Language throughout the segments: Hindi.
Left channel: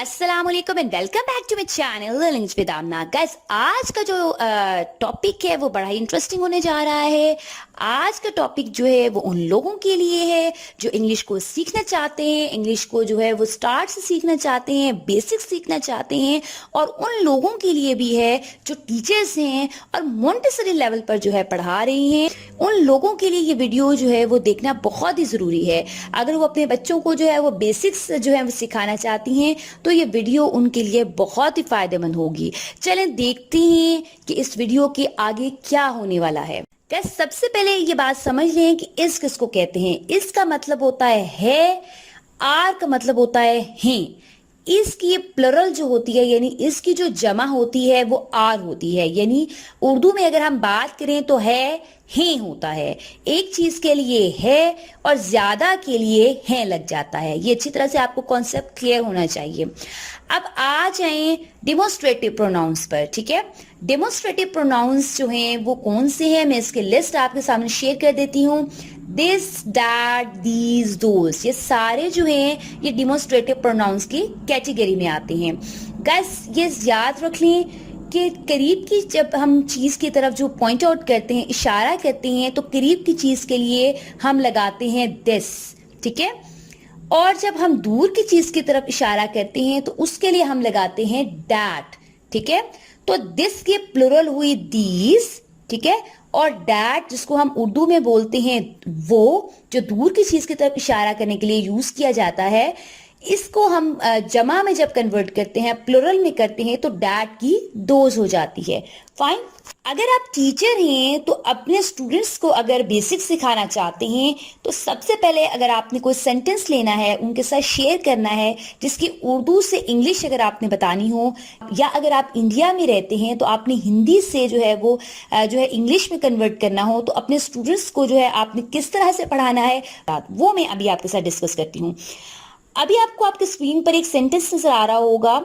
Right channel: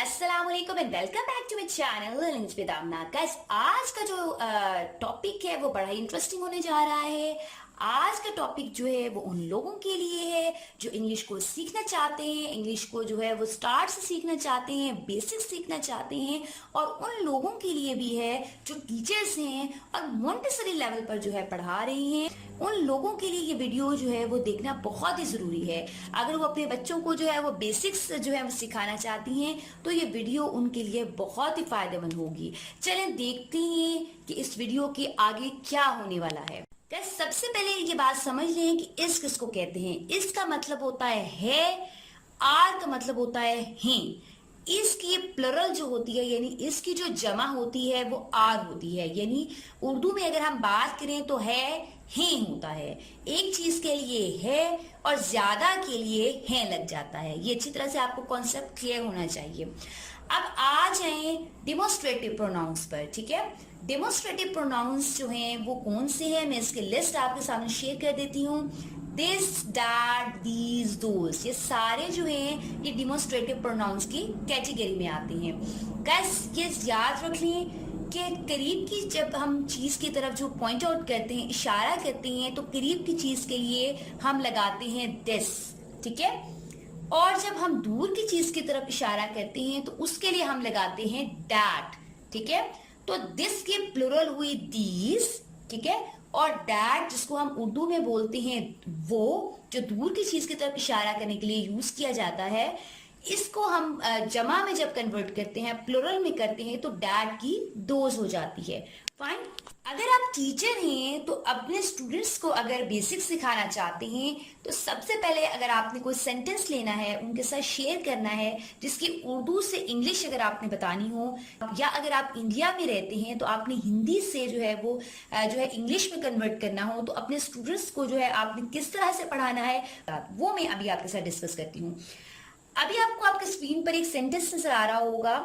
अस्सलामुअलैकुम and welcome back to my channel learnings with Amna. Guys, आज का जो टॉपिक है वो बड़ा ही इंटरेस्टिंग होने जा रहा है। आज का टॉपिक जो है वो उन लोगों के लिए है जो इंग्लिश को सीखना चाहते हैं, इंग्लिश को जो है वो स्टार्ट से सीखना चाहते हैं, बेसिक सीखना चाहते हैं, और उन लोगों के लिए भी है जो टीचर्स हैं और मोंटेसरी लेवल पर जो है पढ़ा रही हैं। उन लोगों के लिए ये वीडियो जो है वो देखना बहुत ही जरूरी है। अगर वो अपने बच्चों को जो है वो बेसिक्स जो है वो सिखाना चाहती हैं तो ये वीडियो उनके लिए बहुत ही फायदेमंद होगी। चलें देखते हैं कि इस वीडियो के आगे क्या होने वाला है। गाइस, सबसे पहले ये बात समझ लें कि इस किसको कहते हैं। इसका मतलब होता है, आर का मतलब होता है हैं। इसकी प्लरल जो होती है यानी इसकी जो जमा होती है वो आर होती है। यानी उर्दू में अगर हम बात करें तो है होता है। एक चीज के लिए है और ज्यादा के लिए है लग जाता है। ये अच्छी तरह से आपको कॉन्सेप्ट क्लियर होना चाहिए। अब आ जाएं डेमोस्ट्रेटिव प्रोनाउंस पर। ठीक है, डेमोस्ट्रेटिव प्रोनाउंस जो हैं वो कौन से हैं, मैं इसकी लिस्ट आपके सामने शेयर कर देती हूँ। दिस, दैट, दीज, दोस, ये सारे जो हैं ये डेमोस्ट्रेटिव प्रोनाउंस की कैटेगरी में आते हैं। गाइस, ये याद रख लें कि करीब की जब हम चीज की तरफ जो पॉइंट आउट करते हैं, इशारा करते हैं, तो करीब की चीज के लिए हम लगाते हैं दिस। ठीक है, और जब हम दूर की चीज की तरफ इशारा करते हैं तो उसके लिए हम लगाते हैं दैट। ठीक है, तो दिस की प्लुरल हुई दीज। ठीक है, और दैट जिसको हम उर्दू में बोलते हैं वो, जो दूर की चीज की तरफ इशारा करने के लिए यूज किया जाता है, इसको हम जमा में जब कन्वर्ट करते हैं, प्लुरल में करते हैं, तो डैट की दोज हो जाती है। फाइन। अगर आप टीचर हैं तो अपने स्टूडेंट्स को अगर बेसिक सिखाना चाहते हैं तो सबसे पहले अगर आपने कोई सेंटेंस लेना है, उनके साथ शेयर करना है जिसकी उर्दू से इंग्लिश अगर आपने बतानी हो, या अगर आप इंडिया में रहते हैं तो आपने हिंदी से जो है वो जो है इंग्लिश में कन्वर्ट करना हो, तो अपने स्टूडेंट्स को जो है आपने किस तरह से पढ़ाना है वो मैं अभी आपके साथ डिस्कस करती हूँ। अभी आपको आपके स्क्रीन पर एक सेंटेंस नजर आ रहा होगा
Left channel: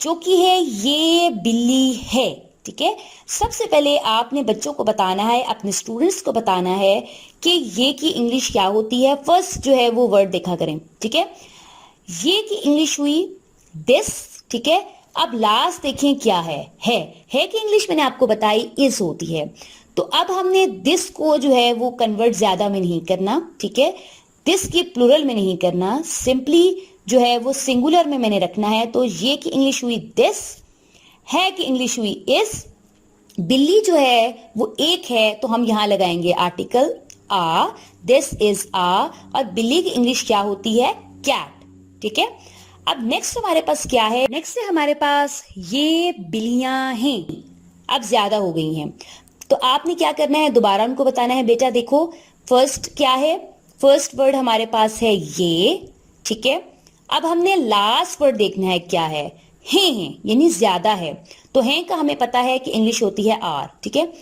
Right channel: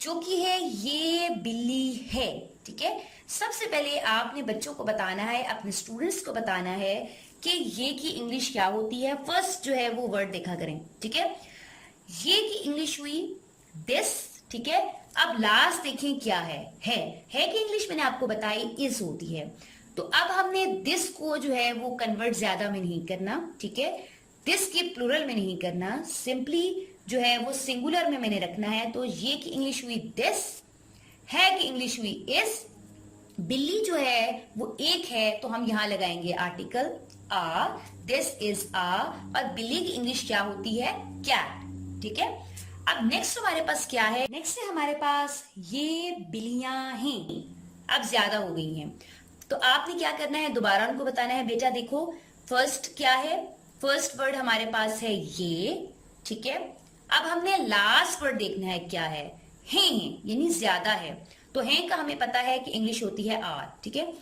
जो कि है ये बिल्ली है। ठीक है, सबसे पहले आपने बच्चों को बताना है, अपने स्टूडेंट्स को बताना है कि ये की इंग्लिश क्या होती है। फर्स्ट जो है वो वर्ड देखा करें। ठीक है, ये की इंग्लिश हुई दिस। ठीक है, अब लास्ट देखें क्या है कि इंग्लिश मैंने आपको बताई इज होती है। तो अब हमने दिस को जो है वो कन्वर्ट ज्यादा में नहीं करना। ठीक है, दिस की प्लुरल में नहीं करना, सिंपली जो है वो सिंगुलर में मैंने रखना है। तो ये की इंग्लिश हुई दिस, है की इंग्लिश हुई इज, बिल्ली जो है वो एक है तो हम यहां लगाएंगे आर्टिकल आ, दिस इज आ, और बिल्ली की इंग्लिश क्या होती है, कैट। ठीक है, अब नेक्स्ट हमारे पास क्या है, नेक्स्ट है हमारे पास ये बिल्लियां हैं। अब ज्यादा हो गई हैं तो आपने क्या करना है, दोबारा उनको बताना है, बेटा देखो फर्स्ट क्या है, फर्स्ट वर्ड हमारे पास है ये। ठीक है, अब हमने लास्ट वर्ड देखना है क्या है, हैं यानी ज्यादा है। तो हैं का हमें पता है कि इंग्लिश होती है आर। ठीक है,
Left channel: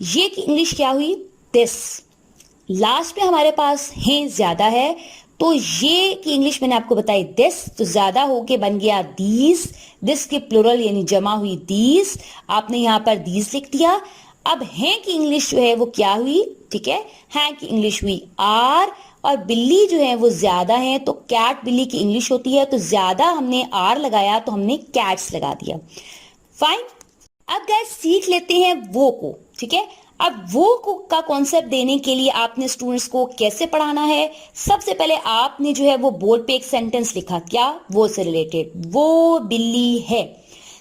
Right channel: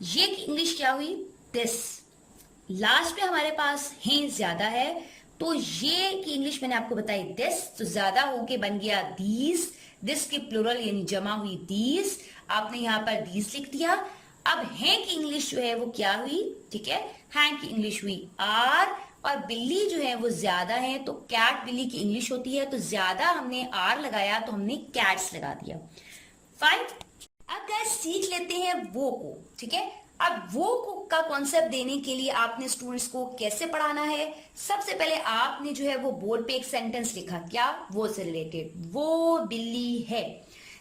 ये की इंग्लिश क्या हुई, दिस। लास्ट में हमारे पास हैं ज्यादा है, तो ये की इंग्लिश मैंने आपको बताई दिस, तो ज्यादा होके बन गया दीज। दिस की प्लुरल यानी जमा हुई दीज, आपने यहां पर दीज लिख दिया। अब हैं की इंग्लिश जो है वो क्या हुई, ठीक है, हैं की इंग्लिश हुई आर, और बिल्ली जो है वो ज्यादा है तो कैट बिल्ली की इंग्लिश होती है, तो ज्यादा हमने आर लगाया तो हमने कैट्स लगा दिया। फाइन। अब गाइस सीख लेते हैं वो को। ठीक है, अब वो को का कॉन्सेप्ट देने के लिए आपने स्टूडेंट्स को कैसे पढ़ाना है, सबसे पहले आपने जो है वो बोर्ड पे एक सेंटेंस लिखा, क्या, वो से रिलेटेड, वो बिल्ली है।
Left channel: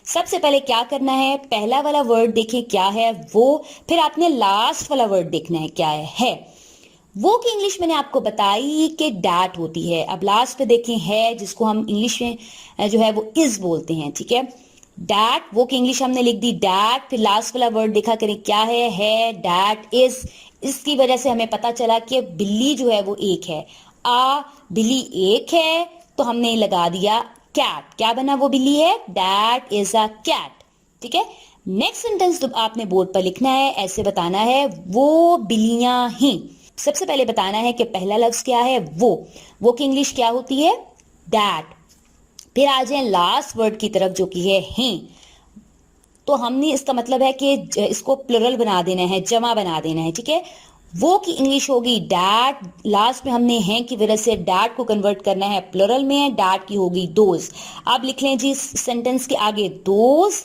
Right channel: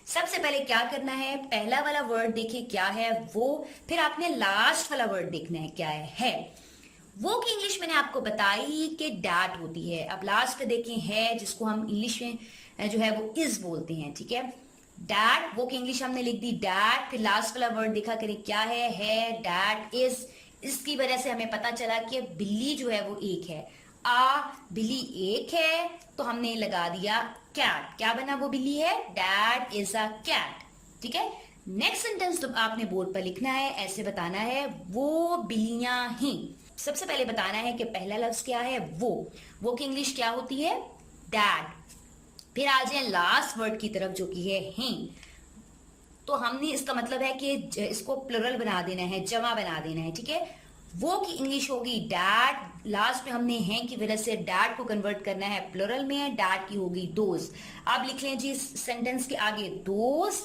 सबसे पहले क्या करना है, पहला वाला वर्ड देखें क्या है वो, फिर आपने लास्ट वाला वर्ड देखना है क्या है। वो की इंग्लिश मैंने आपको बताई कि डैट होती है। अब लास्ट पे देखें है, जिसको हम इंग्लिश में जो है वो इज बोलते हैं। ठीक है, डैट, वो की इंग्लिश हमने लिख दी डैट, फिर लास्ट वाला वर्ड देखा करें क्या है डैट इज। इसकी वजह से हमें पता चला कि बिल्ली जो है वो एक है, बिल्ली एक है, तो हमने लगा दिया कैट। क्या बना, वो बिल्ली है, दैट इज अ कैट। ठीक है, नेक्स्ट सेंटेंस आपने बोर्ड पर लिखना है, ऐसे बताना है, वो बिल्लियां हैं। सबसे पहले बताना है कि पहला लफ्ज क्या है, वो की इंग्लिश क्या होती है, दैट। फिर आ जाए लास्ट वर्ड की तरफ जो कि है हैं, तो हमने इसका मतलब है कि इसको प्लुरल बना देना है, जमा बना देना है। ठीक है, वो की इंग्लिश होगी डैड। लास्ट में हमने हैं की वजह से डैड को कन्वर्ट करना है, प्लुरल में है, डैड की होगी दोज। अब लिख लें जी सेंटेंस के आगे दोज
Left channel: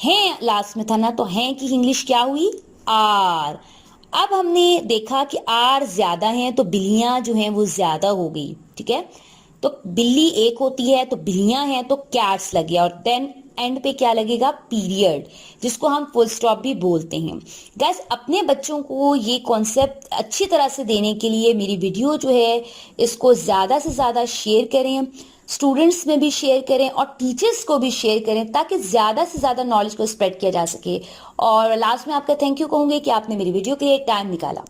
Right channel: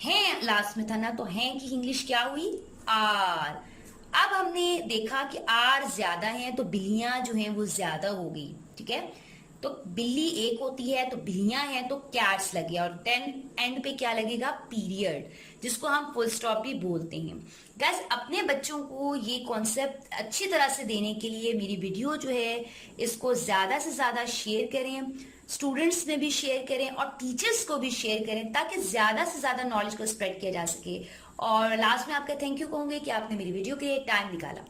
हैं लास्ट में था ना, तो हैं की इंग्लिश क्या हुई आर। अब हमने देखा कि आर ज्यादा हैं तो बिल्लियां जो हैं वो ज्यादा हो गई, ठीक है। तो बिल्ली एक होती है तो बिल्लियां हैं तो कैट्स लग गया, और देन एंड पे क्या लगेगा पीरियड, जिसको हम फुल स्टॉप भी बोलते हैं। गाइस अपने बच्चों को ये कॉन्सेप्ट अच्छी तरह से देने के लिए मेरी वीडियो जो है इसको ज्यादा से ज्यादा शेयर करें, स्टूडेंट्स में भी शेयर करें और टीचर्स को भी शेयर करें, ताकि ज्यादा से ज्यादा नॉलेज को स्प्रेड किया जा सके। और लास्ट में आपका थैंक यू कहूंगी कि आपने मेरी वीडियो के लिए टाइम निकाला।